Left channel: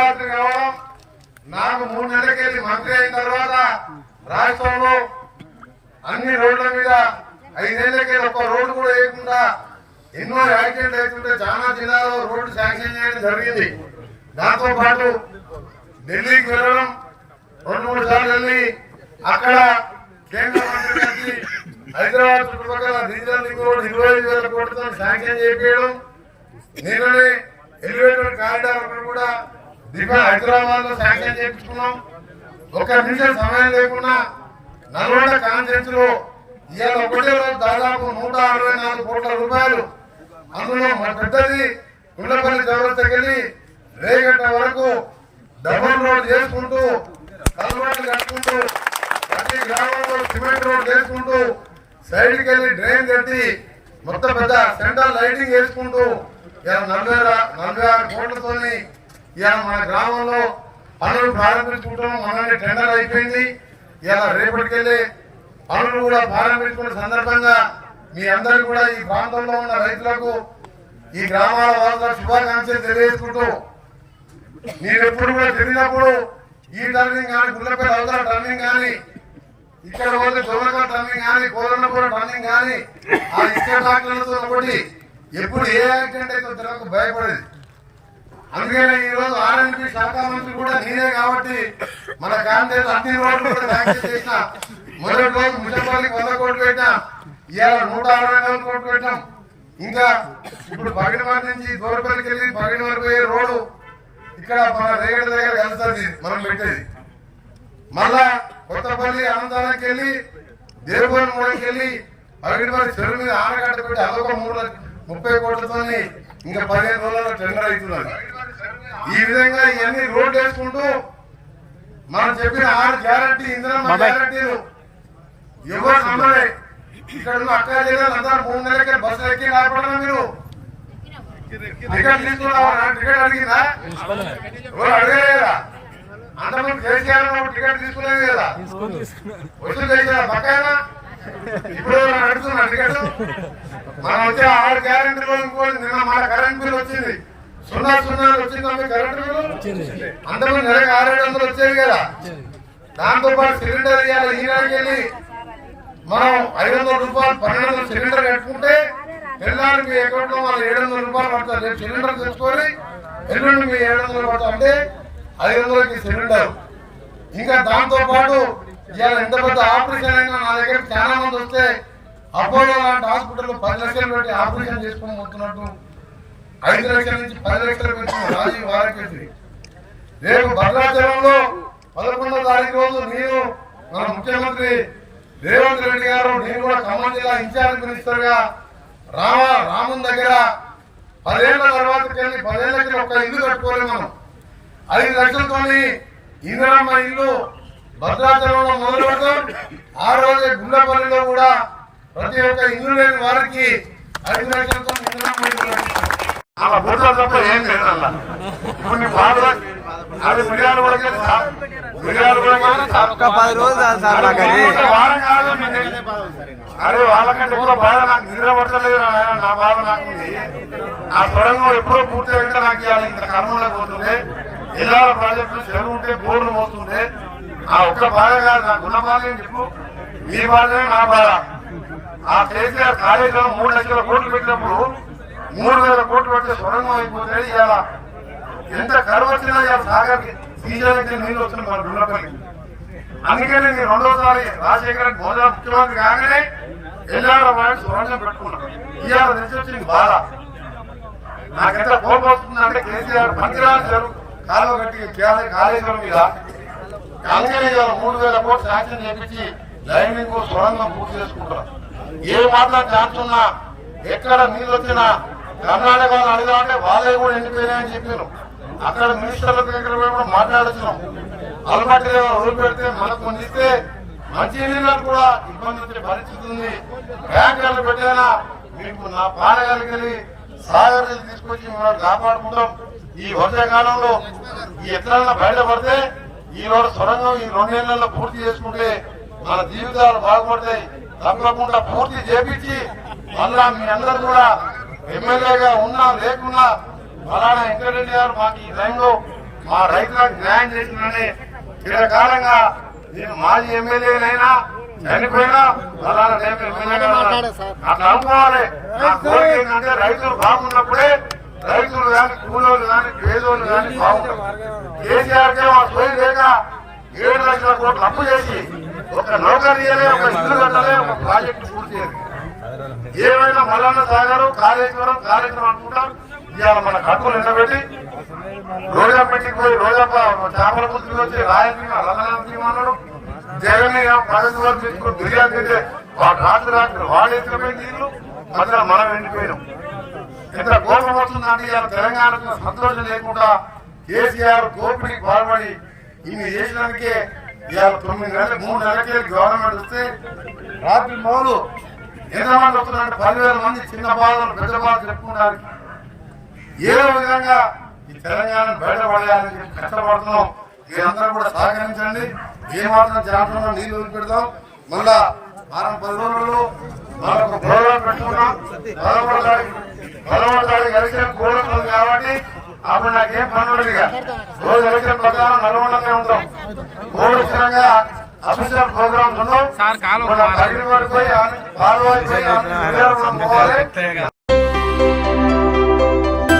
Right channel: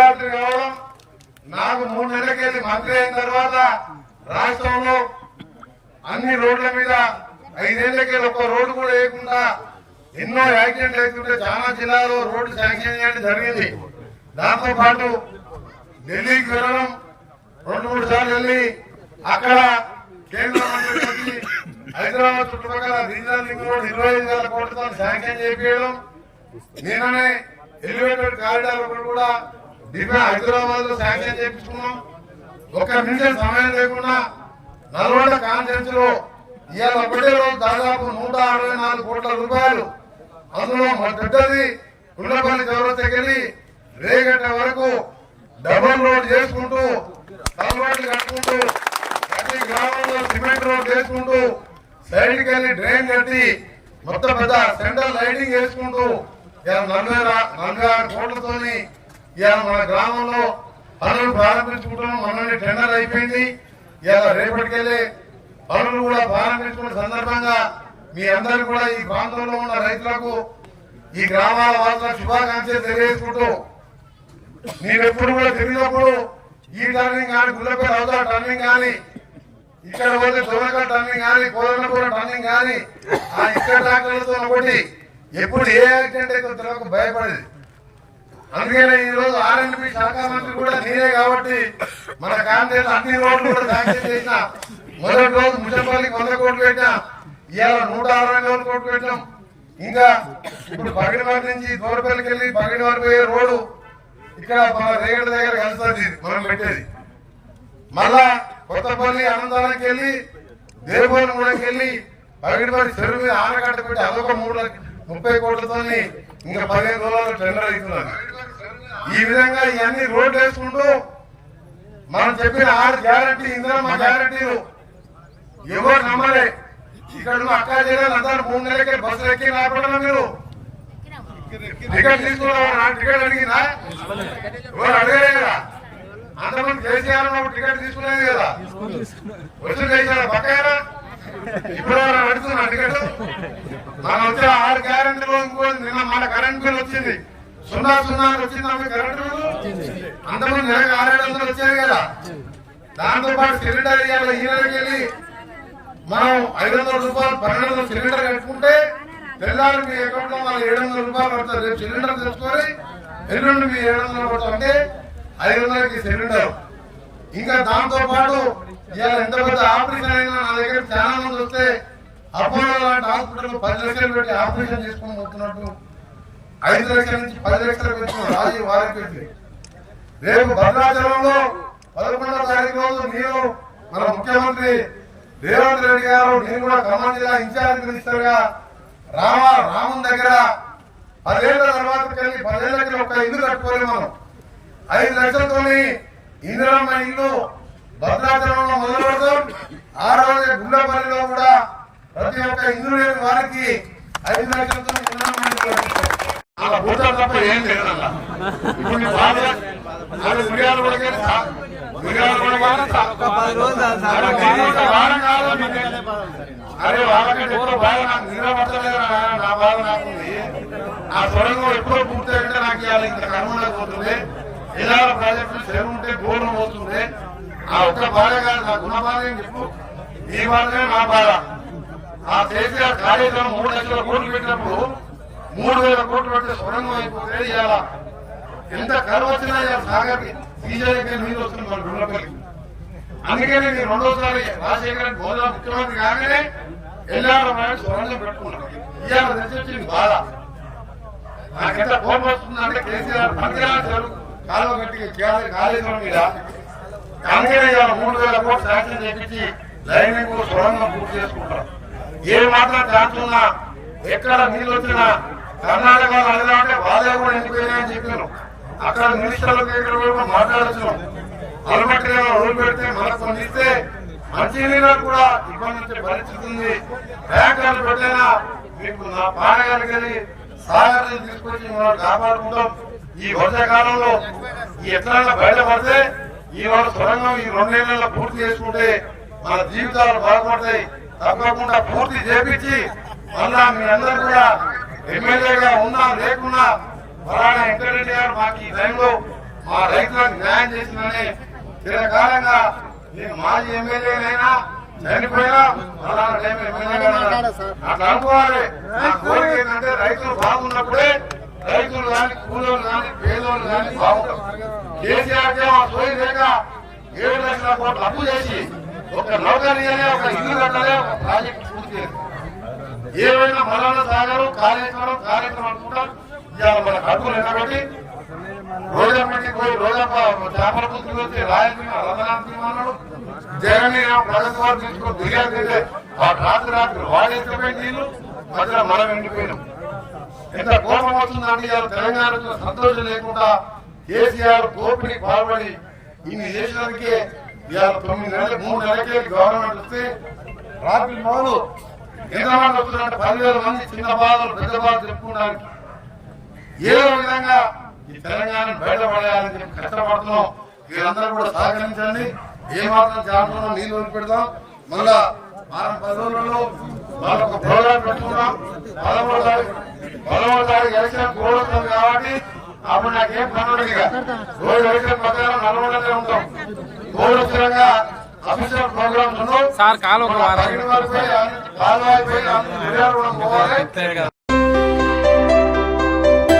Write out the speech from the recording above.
భద్రాద్రి కావడం నాకు 3 నెలలకెళ్ళి మంత్రి అయిన తర్వాత రాష్ట్రంలో అన్ని రోడ్ల మీద 5 ఏళ్లకెళ్ళి ఒక్క రోడ్డు కూడా వేయకుండా ఎన్నో యాక్సిడెంట్ అవుతుంటే చాలా జిల్లాలో రోడ్డు శాంక్షన్ చేయడం జరిగింది. దాంతో పాటు ఢిల్లీకి వెళ్ళడం 2-3 సార్లు వెళ్ళి అక్కడ కేంద్ర మంత్రి కలిసి హైదరాబాద్ చుట్టుపక్కల రీజనల్ లింక్ రోడ్ 25,000 కోట్లతో శాంక్షన్ చేయించడం, నిన్ననే ఎలివేటెడ్ కారిడార్ కూడా హైదరాబాద్ లో శాంక్షన్ చేయించుకున్నాం. 1 నిమిషం సమయం లేకుండా నల్గొండ కాన్ఫరెన్స్ లో ఇవాళ ఒకటే రోజు దాదాపు 164 కోట్ల రూపాయలు, అందులో పెద్దది గుండ్లపల్లి చౌరస్తకెళ్ళి రేగట్ట వరకు డబుల్ రోడ్ చేసుకుంటూ కలవాట్లు కట్టుకుంటూ ప్రతి గ్రామంలో సిమెంట్ రోడ్ చేసుకుంటూ సైడ్కి వెళ్ళి డ్రైన్ కట్టి మొత్తం పెద్ద సెంట్రల్ లైటింగ్ వేసుకుంటూ ఇలా 46 కోట్లతోని ఇలా మన గ్రామంలో పనులు ప్రారంభించుకుంటాం. మనల్ని టెండర్ అయిపోయింది. ఇలా రేపటికెళ్ళి పనులు కూడా ప్రారంభించుకున్న సందర్భంగా మీ అందరూ కూడా ఈ ప్రాంతంలో ఉన్న రైతులకు ఈ గ్రామాల వాసులకు శుభాకాంక్షలు తెలియజేసుకుంటూ, మీరు ఎప్పుడు కూడా తిరిగినప్పుడు ఈ టర్నింగ్ కానీ గుల్లపల్లి అవతల టర్నింగ్ కానీ ఇక్కడ పోతే దొరక టర్నింగ్ కానీ కోదన్నపూర టర్నింగ్ కానీ ఆ ఇక్కడ డాక్టర్లతో ఒకటి ఎప్పుడు ఏ యాక్సిడెంట్ అయితే తెలియక భయపడేది. అందుకనే ఈ రోజు R&B శాఖ మంత్రి కూడా నేనే కాబట్టి మన కాంగ్రెస్ అన్ని రోడ్లు కూడా శాంక్షన్ చేసిన. మొదటి రోజు ముచ్చంపల్లికి 100 కోట్లు పెట్టినా, ఇవాళ 164 కోట్లు పెట్టాం. ఇంకా ఇప్పుడు బగిడివారి నుంచి దూరపల్లికి వెళ్ళి బగిడివారి పోయే రోడ్డు ఇక్కడ మన రేగడ దగ్గర కలుస్తుంది మనం పెట్టేది. మళ్ళా కొత్తపల్లి అనంతానికి వెళ్ళి దేవగూడెంకి వెళ్ళి బగిడివారి చెరువు మీద ఆనకట్ట పెట్టి అదొక 30 కోట్లతో ఇంకా 15 రోజుల్లో టెండర్ అవుతున్నది. ఈ విధంగా ఇవన్నీ రోడ్లు వేసుకుంటూ మనం చెప్పిన 6 గ్యారంటీ ఇందిరమ్మ గ్యారంటీలు ఎవరు నమ్మలే. ఇక్కడ అక్క జిల్లాలు అందరూ 3 నెలలకే బస్సులు ఎక్కి రాకపోవడం, మీరు టికెట్ తీసుకున్నావా? టికెట్ అడిగినా ఎవరు అడగలే కదా. అంతమంది కేసీఆర్ టికెట్ తీసుకునేది కదా, వసూలు చేసారా పక్కన? ఇప్పుడు అడుగుతున్నా టికెట్. మనం వచ్చే 6 గ్యారంటీలో ఇంకోటి నిన్న మన కరెంట్ బిల్ వచ్చింది 0 వచ్చింది. కరెంట్ బిల్లు అంతమంది నెలకు 600 వచ్చేది కదా. దాంతో పాటు సిలిండర్ ఇవ్వాలి. ఈ నెలకి వెళ్ళి మనం 500 రూపాయలు 1200 సిలిండర్ కట్టుకుంటే తెల్లారి మీ అకౌంట్ లో వాళ్ళు 700 రూపాయలు పడతారు. రేపు సిలిండర్ తెచ్చుకొని ఎల్లుండి మీ 700 పడతాం అంటే 500కి సిలిండర్. ఇంకా దాంతో పాటు ఇవాళ ఎంత పెద్ద ఆపరేషన్ అయినా నా దగ్గర చాలా మంది వస్తే అపోలో లాంటి హాస్పిటల్ 10 లక్షలు పెట్టి ఆపరేషన్ చేసుకుని పోతున్నట్టు 5 లక్షల నుంచి 10 లక్షలు పెంచిన రాజీవ్ వారికి. రేపు భద్రాచలంలో 11వ తారీఖు రోజు నేను మన ముఖ్యమంత్రి రేవంత్ రెడ్డి గారు, నేను కూడా ఖమ్మం జిల్లా ఇన్ఛార్జ్ మినిస్టర్ గా రాముని దగ్గర 10 ఏళ్ల తర్వాత 10 ఏళ్ళకి ఒక ఇల్లు కట్టుకోవాలి. మనం 5 లక్షలతోని ఇందిరమ్మ ఇల్లు భద్రాచలంలో మొదలు పెడతాం. ఆ రోజే గుల్లపల్లిలో కూడా ప్రతి ఒక్క ఇల్లు లేని వారికి 5 లక్షలతో ఇందిరమ్మ ఇల్లు అలా పోతారు తప్ప ఏం లేదు. అలా ఇప్పుడు నీ బాధలు మిరియాలు కూడా అరే వాళ్ళకంటే ఎప్పుడో బాధ నాకు నిద్ర పడతలేదు. నా బాధ నాకుంది. ఆ సొరంగం ఎప్పుడో పూర్తి అయితే నాకు ఇవాళ ఇంత కర్మలో పోతుండే, ఇలాల ప్రాజెక్టులు చెరువు ఉంటే బోర్లు పోతుండే. ఆ ఒక్క బాధ కాదు నా గుణ బాధ. చెప్పు ఈ బాధే నా బాధ. ఆ కేసీఆర్ కాలేజీలో 3 లక్షల కోట్లు పెట్టినప్పుడు 3,000 కోట్లు పెడితే సొరంగం అయిపోతే ఇవాళ ఎంత కరువు వచ్చినా ఇవాళ సాగర్కి సీజన్కి నీళ్ళు వస్తుంది మన గుండ్లపల్లికి. అందుకని నేను 2వసారి రాజశేఖర మోదీ ముఖ్యమంత్రి కాగానే ఎల్లాడ సొరంగం పెట్టుకున్నాను. ఇవాళ తెలిసి వచ్చింది బాధ. నాకెంత కోపం వస్తుందంటే కేసీఆర్ మంచిరాజు చెరువు కాలువ కట్టి కాళేశ్వరం మీద అందుకని ఇవాళ 3,000 కోట్లు శాంక్షన్ చేపించి లైనింగ్ సొరంగం పూర్తి చేసుకుంటారు. ఏ మాత్రం ఛాన్స్ ఉన్నా ఎక్కడ నీళ్ళు వచ్చినా కర్ణాటక అడిగాలంటే వాళ్ళే కూడా ఎండిపోయినాయని చెప్పారు. అక్కడ మినిస్టర్ల దగ్గర కూడా మాట్లాడుతున్నాం. అలవాటు రోజు పెడితే మనకు కొన్ని ఇస్తే మంచి నీళ్ళకు కూడా ఇబ్బంది వచ్చే పరిస్థితి ఉంది. బ్యాంకులు పెట్టైనా మీకు నా పాడగానికి వెళ్ళి సాగర్ తీసుకొచ్చి మనం కాపాడుకుంటాం. ఈ వర్షాకాలంలో ఈ ఎత్తనాల్లో బయటపడితే ఈనాడు సొరంగం ఈ 2 నెలల్లో పూర్తి చేసుకుంటే మన జీవితాలు బాగుపడతాయి. తప్పకుండా పూర్తి చేపించి మళ్ళా మీ అందరూ కూడా ఎమ్మెల్యేగా ఉన్నా లేకున్నా మరాణ వెంకటరెడ్డి గారు మాకు ఈ టైంలో మా రైతులకు న్యాయం చేసిందని చిరకాలంగా నేను మాజీ ఎమ్మెల్యేనైనా చనిపోయినా అట్లా అనుకోవాలి. నా కోరిక ఏంటంటే రైతులు బాగున్నప్పుడే రైతులు కానీ కూలోళ్ళు కానీ పేదోళ్ళు కానీ బాగుంటారు. కేసీఆర్ కే మా సోయి లేక 7 లక్షల కోట్లు అప్పు చేసి ఒక నౌకర్యలే ఒక ఇల్లు కట్టలే ఒక ప్రాజెక్టు పూర్తి చేసి ఏమైనా మల్లన్న సాగరు కాళేశ్వరం అనుకుంటాం. ఇవాళ మన కట్టులు ఎండబెట్టి రోజా పెట్టి పోయి రోజా చేపల పుత్రులు వచ్చి రాయలసీమ రతనాలు అన్నాడు. జగన్ ప్రగతి వారు తీసుకుని బిర్యానీ తింటే రాత్రి వాడేసిపోయి నీళ్లు మధ్యలో మనం ఎండిపోయినాం. ఎంత కోపం వస్తుందండి. ఇవాళ తెలంగాణకు సంతోషం లేకుండా కేసీఆర్ దోపిడీ పాల్పడి ఇన్ని చేసినందుకే ఇవాళ 9 నెలలు 3 నెలలకే గవర్నమెంట్ వస్తే రాత్రి మొదలు ఎంతమంది వస్తున్నారంటే 10,000 మంది చిన్న బాధలు పెద్ద బాధలు చెప్పుకోవడానికి ఏదో విధంగా ఈ తెలంగాణ బయటపడేయాలని చెప్పి కష్టపడుతున్నాం. మీరందరూ కూడా సహకరించండి. ఏమాత్రం జాగ్రత్తగా నీళ్లు వదిలిపెడతాం. మళ్ళా 10 రోజుల్లో మనకు ప్రోగ్రాం పెట్టుకున్నాం. 13వ తారీఖు ఎలక్షన్ కోడ్ ఉంటుంది కాబట్టి అప్పుడు నాకేం పని ఉండదు. రోజు ఎలక్షన్ ప్రకారం నల్గొండలో ఉంటాం. కోడ్ స్థిరంగా అఫీషియల్ ప్రోగ్రామ్స్ ఉండవు. తగిన వారికి పోయి పోవాలి.